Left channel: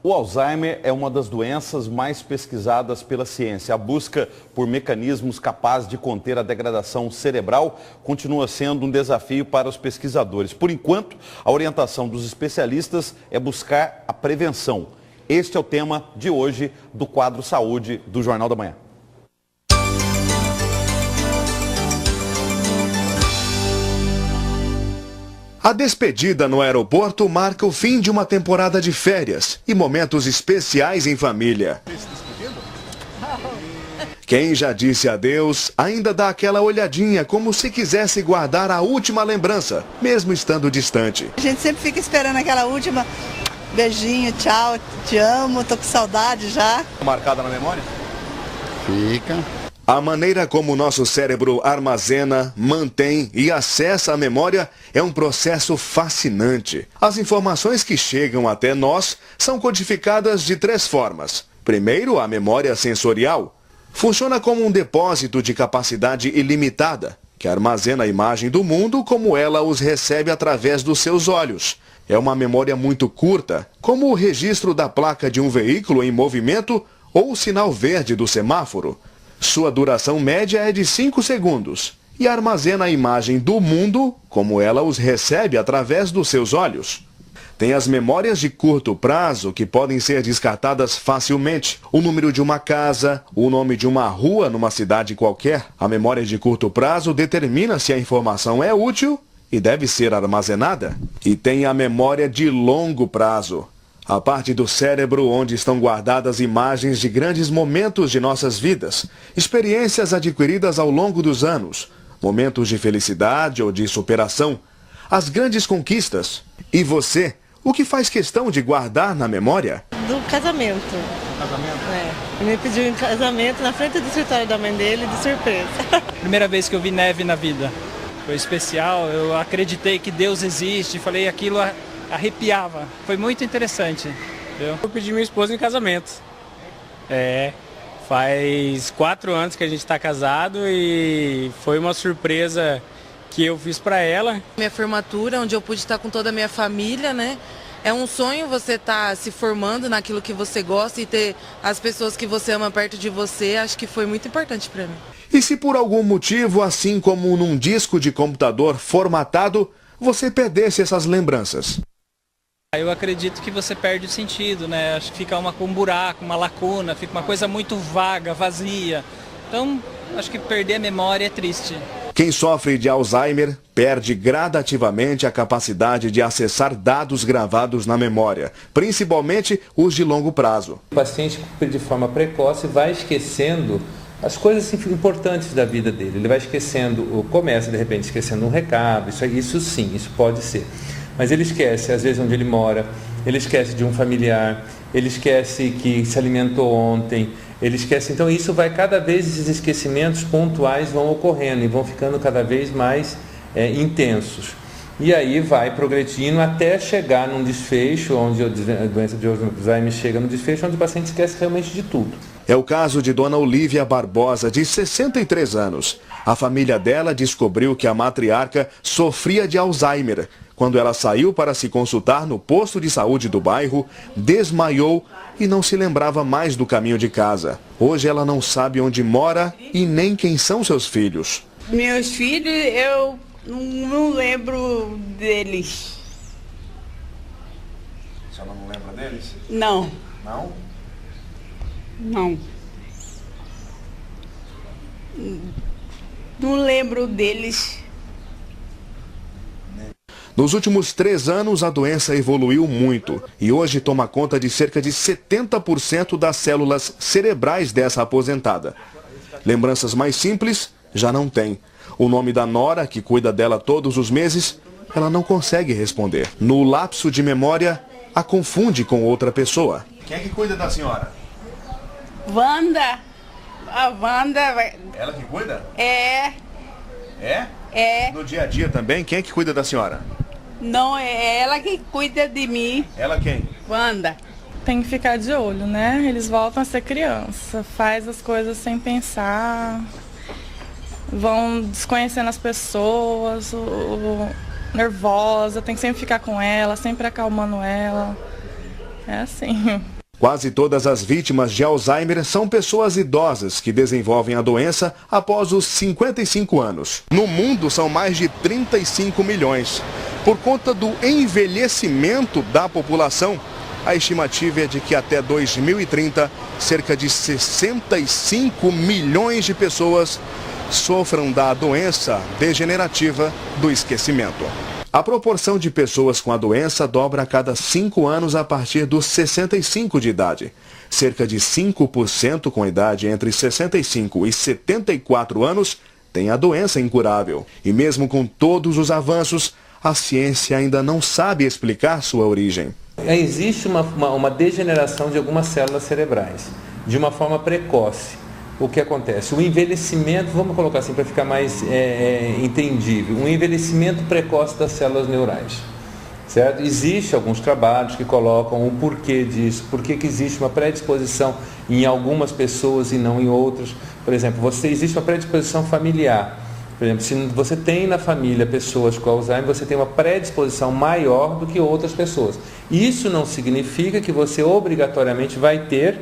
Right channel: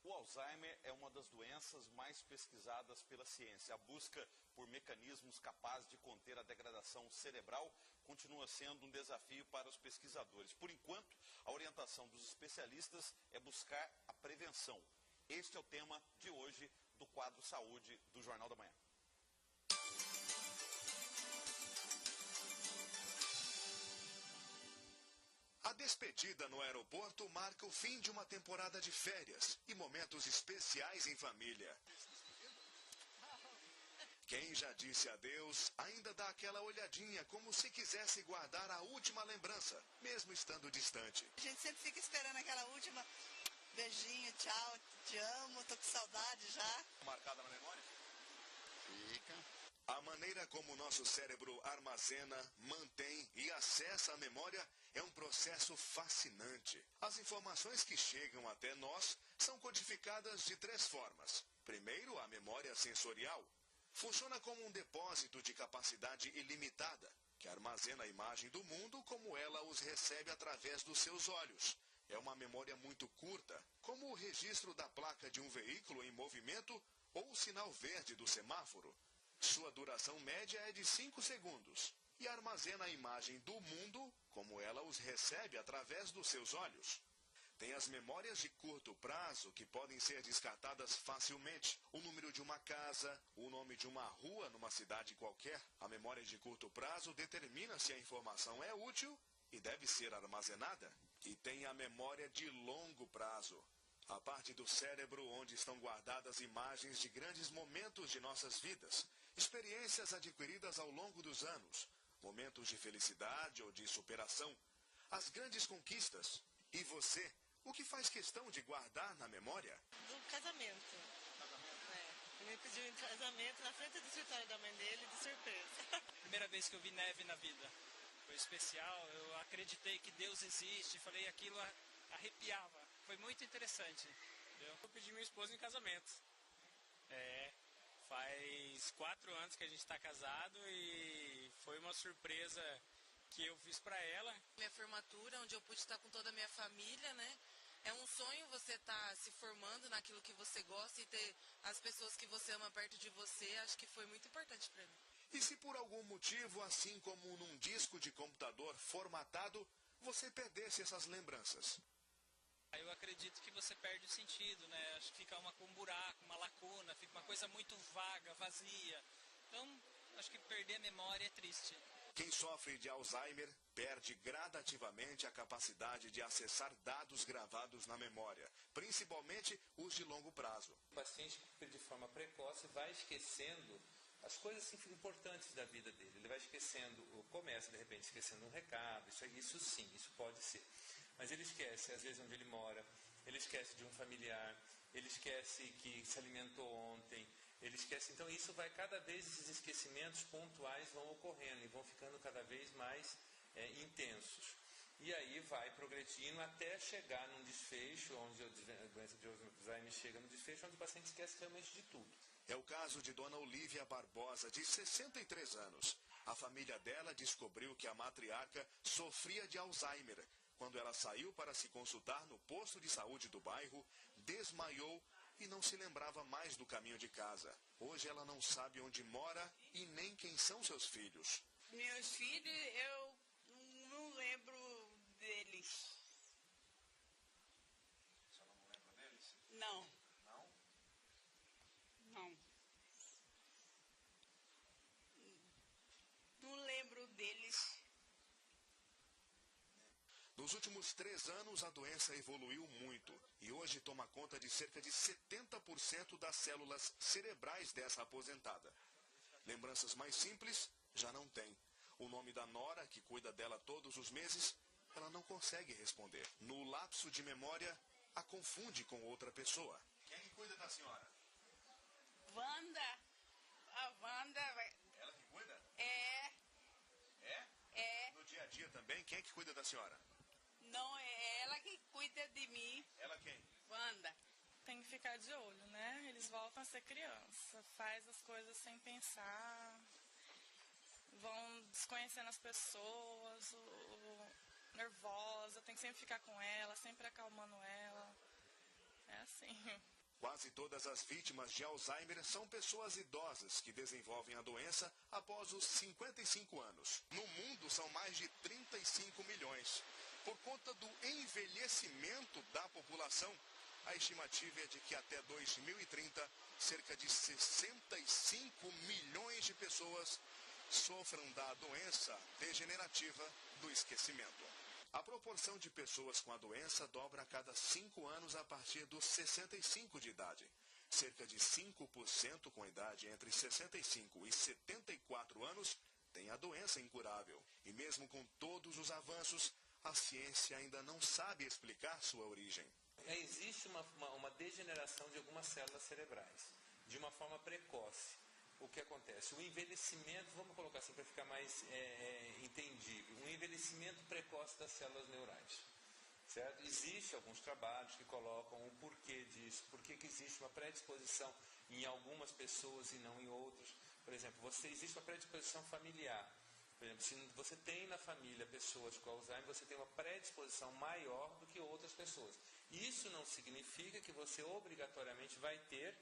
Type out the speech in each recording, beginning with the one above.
O Alzheimer é uma das doenças mais pesquisadas pela ciência. A busca por mecanismos capazes de conter a degradação cerebral continua sendo um desafio para os pesquisadores. Por enquanto, a orientação dos especialistas é buscar a prevenção. Este é o tema de hoje do quadro Saúde do Jornal da Manhã. A despedida no aeroporto marca o fim de uma temporada de férias e momentos especiais em família. Quem já disse adeus ainda dá aquela olhadinha como se quisesse guardar a última lembrança, mesmo estando distante. A gente sempre fica esperando aquela última beijinho, tchau, te amo, tô com saudade já. Marcada na memória? Fica. A maneira como o nosso cérebro armazena, mantém e acessa a memória é um processo fascinante. As informações que chegam até nós são codificadas de 3 formas. Primeiro, a memória sensorial. Funciona como um depósito de capacidade ilimitada, que armazena a imagem do mundo como ela os recebe através dos seus olhos. É uma memória muito curta, como o registro da placa de um veículo em movimento ou o sinal verde do semáforo. Sua duração média é de 5 segundos e armazena a imagem do mundo como ela os recebe através dos seus olhos. Tem as memórias de curto prazo que podem ser descartadas facilmente. O número de uma casa, o nome de uma rua numa cidade qualquer. A memória de curto prazo determina se a informação é útil e deve ser armazenada. E tem a memória de longo prazo. A parte do cérebro onde estão guardadas imagens de grandes momentos de nossas vidas, experiências adquiridas ao longo dos anos, momentos de felicidade ou de superação, as grandes conquistas. E você, o que faz questão de guardar na memória? Do casamento. Casamento? É. Ele me pediu em casamento na frente do escritório da mãe dele, de surpresa. Primeira vez que eu vi neve na vida. Foi especial, eu acreditei que Deus existe, falei aquilo... arrepiava, foi muito interessante. Entendeu? Eu pedi minha esposa em casamento. Faz 4 anos que a gente está casado e foi uma surpresa que eu fiz para ela. Minha formatura, onde eu pude estar com toda a minha família, né? É um sonho você estar se formando naquilo que você gosta e ter as pessoas que você ama perto de você, acho que foi muito importante para mim. E se por algum motivo, assim como num disco de computador formatado, você perdesse essas lembranças? Eu acredito que você perde o sentido, né? Acho que fica um buraco, uma lacuna, fica uma coisa muito vaga, vazia. Então, acho que perder a memória é triste. Quem sofre de Alzheimer perde gradativamente a capacidade de acessar dados gravados na memória, principalmente os de longo prazo. O paciente, de forma precoce, vai esquecendo as coisas importantes da vida dele. Ele vai esquecendo, começa de repente esquecendo um recado, isso sim, isso pode ser. Mas ele esquece, às vezes, onde ele mora, ele esquece de um familiar, ele esquece que se alimentou ontem, ele esquece. Então, isso vai cada vez, esses esquecimentos pontuais vão ocorrendo e vão ficando cada vez mais intensos. E aí vai progredindo até chegar num desfecho, onde a doença de Alzheimer chega no desfecho, onde o paciente esquece realmente de tudo. É o caso de Dona Olívia Barbosa, de 63 anos. A família dela descobriu que a matriarca sofria de Alzheimer. Quando ela saiu para se consultar no posto de saúde do bairro, desmaiou e não se lembrava mais do caminho de casa. Hoje ela não sabe onde mora e nem quem são seus filhos. Meus filhos, eu não lembro deles. Você não lembra deles? Não. Não? Não. Não lembro deles. Nos últimos 3 anos, a doença evoluiu muito e hoje toma conta de cerca de 70% das células cerebrais dessa aposentada. Lembranças mais simples já não tem. O nome da nora, que cuida dela todos os meses, ela não consegue responder. No lapso de memória, a confunde com outra pessoa. Quem é que cuida da senhora? Wanda. A Wanda... Ela que cuida? É. É? É. No dia a dia também, quem é que cuida da senhora? Não, é ela que cuida de mim. Ela quem? Wanda. Tem que ficar de olho, né? Eles voltam a ser criança, faz as coisas sem pensar, vão desconhecendo as pessoas, nervosa, tem que sempre ficar com ela, sempre acalmando ela. É assim. Quase todas as vítimas de Alzheimer são pessoas idosas que desenvolvem a doença após os 55 anos. No mundo são mais de 35 milhões. Por conta do envelhecimento da população, a estimativa é de que até 2030, cerca de 65 milhões de pessoas sofram da doença degenerativa do esquecimento. A proporção de pessoas com a doença dobra a cada 5 anos a partir dos 65 de idade. Cerca de 5% com idade entre 65 e 74 anos têm a doença incurável. E mesmo com todos os avanços, a ciência ainda não sabe explicar sua origem. Existe uma degeneração de algumas células cerebrais, de uma forma precoce. O que acontece? O envelhecimento, vamos colocar assim para ficar mais entendível, um envelhecimento precoce das células neurais, certo? Existem alguns trabalhos que colocam o porquê disso, por que existe uma predisposição em algumas pessoas e não em outras. Por exemplo, existe uma predisposição familiar. Por exemplo, se você tem na família pessoas com Alzheimer, você tem uma predisposição maior do que outras pessoas. Isso não significa que você obrigatoriamente vai ter,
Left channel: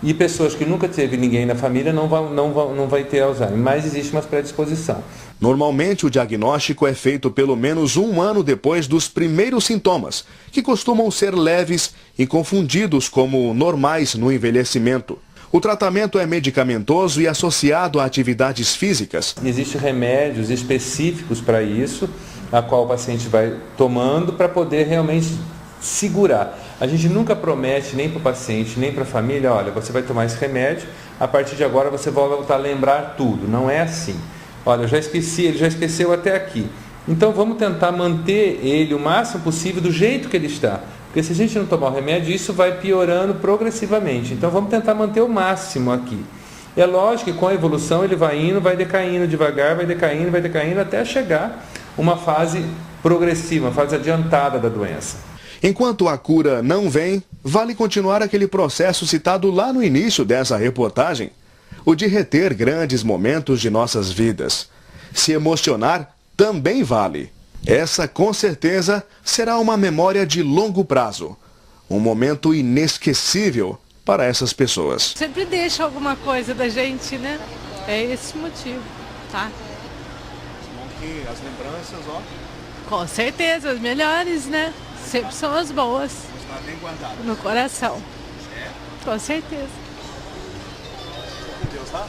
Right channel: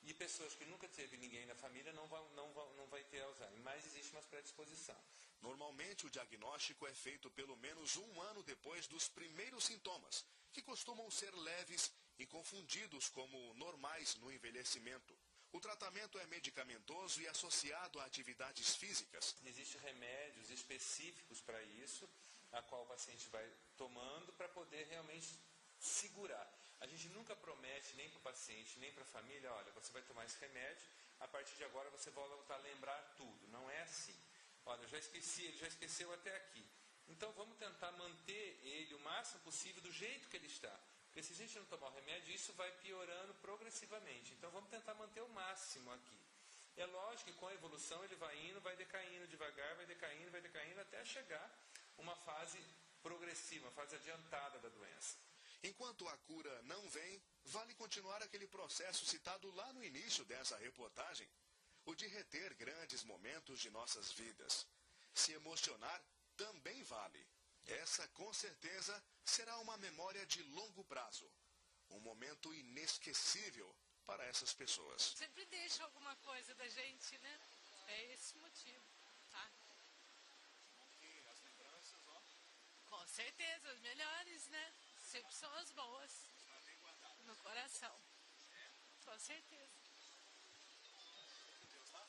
e pessoas que nunca teve ninguém na família não vai ter Alzheimer, mas existe uma predisposição. Normalmente o diagnóstico é feito pelo menos 1 ano depois dos primeiros sintomas, que costumam ser leves e confundidos como normais no envelhecimento. O tratamento é medicamentoso e associado a atividades físicas. Existem remédios específicos para isso, a qual o paciente vai tomando para poder realmente segurar. A gente nunca promete nem para o paciente, nem para a família, olha, você vai tomar esse remédio, a partir de agora você vai voltar a lembrar tudo. Não é assim. Olha, eu já esqueci, ele já esqueceu até aqui. Então vamos tentar manter ele o máximo possível do jeito que ele está. Porque se a gente não tomar o remédio, isso vai piorando progressivamente. Então vamos tentar manter o máximo aqui. É lógico que com a evolução ele vai indo, vai decaindo devagar, vai decaindo até chegar uma fase progressiva, uma fase adiantada da doença. Enquanto a cura não vem, vale continuar aquele processo citado lá no início dessa reportagem, o de reter grandes momentos de nossas vidas. Se emocionar também vale. Essa, com certeza, será uma memória de longo prazo. Um momento inesquecível para essas pessoas. Sempre deixa alguma coisa da gente, né? É esse o motivo, tá? As lembranças, ó. Com certeza, as melhores, né? Sempre são as boas. Está bem guardado. No coração. É? Com certeza. Com Deus, tá?